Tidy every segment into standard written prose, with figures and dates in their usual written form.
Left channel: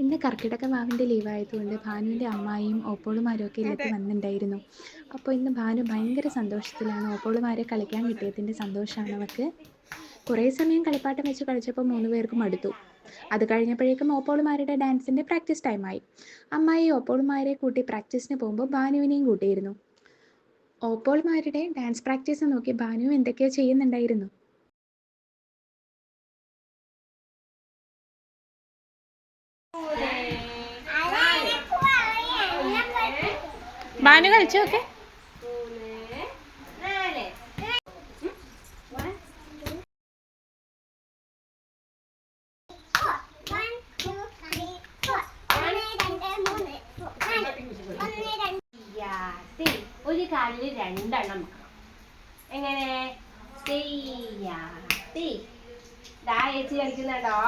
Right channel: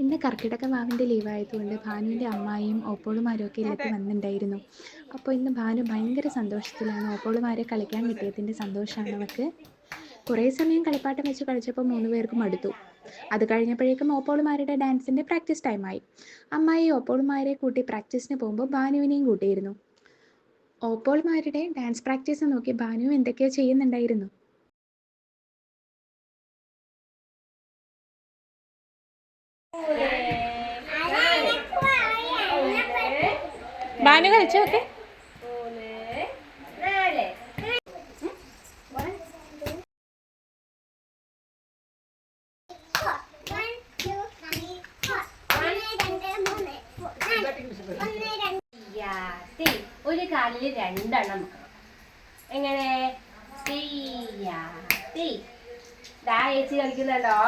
ഇന്ന് കർക്കിടക വാവിൻ്റെ ലീവായതുകൊണ്ട് ഭാനുവിൻ്റെ അമ്മായിയും ഓപ്പോളുമാരും ഒക്കെ ഇല്ലത്ത് വന്നിട്ടുണ്ടായിരുന്നു. അപ്പോൾ ഇന്ന് ഭാനു ഭയങ്കര സന്തോഷത്തിലാണ്. ഓപ്പോളുമാരെ കളിക്കാൻ കിട്ടിയതിൻ്റെ സന്തോഷമാണ് അവൾക്ക്. കുറേ സമയം കളിപ്പാട്ടം വെച്ച് കളിച്ചപ്പോൾ 3 പേർക്കും മടുത്തു. അത് കഴിഞ്ഞപ്പോഴേക്കും ഓപ്പോളുമാരുടെ ഡാൻസിൻ്റെ പ്രാക്ടീസ് ടൈമായി. അമ്മായി ഓപ്പോളുമാരെ കൂട്ടി പ്രാക്ടീസിന് പോകുമ്പോൾ ഭാനുവിനെയും കൂട്ടിയിരുന്നു. ഓപ്പോളുമാരുടെ ഡാൻസ് പ്രാക്ടീസ് നോക്കി ഭാനു എന്തൊക്കെയോ ചെയ്യുന്നുണ്ടായിരുന്നു. ഭാനു കളിച്ചു നോക്കെ. ഒരു കാലില് 2 എണ്ണം എങ്ങനെ ദാ ചേച്ചി കളിക്കുന്നുണ്ടോ?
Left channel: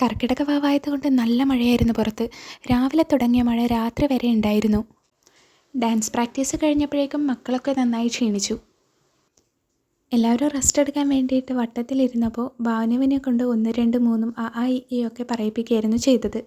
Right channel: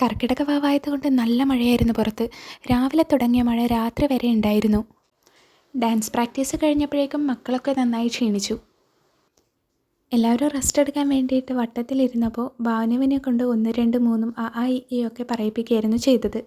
കർക്കിടക വാവായതുകൊണ്ട് നല്ല മഴയായിരുന്നു പുറത്ത്. രാവിലെ തുടങ്ങിയ മഴ രാത്രി വരെ ഉണ്ടായിരുന്നു. ഡാൻസ് പ്രാക്ടീസ് കഴിഞ്ഞപ്പോഴേക്കും മക്കളൊക്കെ നന്നായി ക്ഷീണിച്ചു. എല്ലാവരും റെസ്റ്റ് എടുക്കാൻ വേണ്ടിയിട്ട് വട്ടത്തിലിരുന്നപ്പോൾ ഭാനുവിനെ കൊണ്ട് 1 2 3 ആ ഈ ഒക്കെ പറയിപ്പിക്കുകയായിരുന്നു ചെയ്തത്.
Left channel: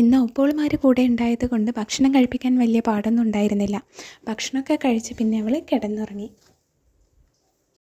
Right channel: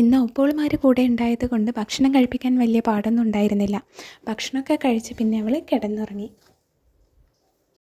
ഇന്ന് ഓപ്പോളുമാർ കൂടെ ഉണ്ടായത് കൊണ്ട് ഭക്ഷണം കഴിപ്പിക്കാൻ വലിയ പാടൊന്നും ഉണ്ടായിരുന്നില്ല. ഭക്ഷണമൊക്കെ കഴിച്ച് പിന്നെ അവൾ കിടന്നുറങ്ങി.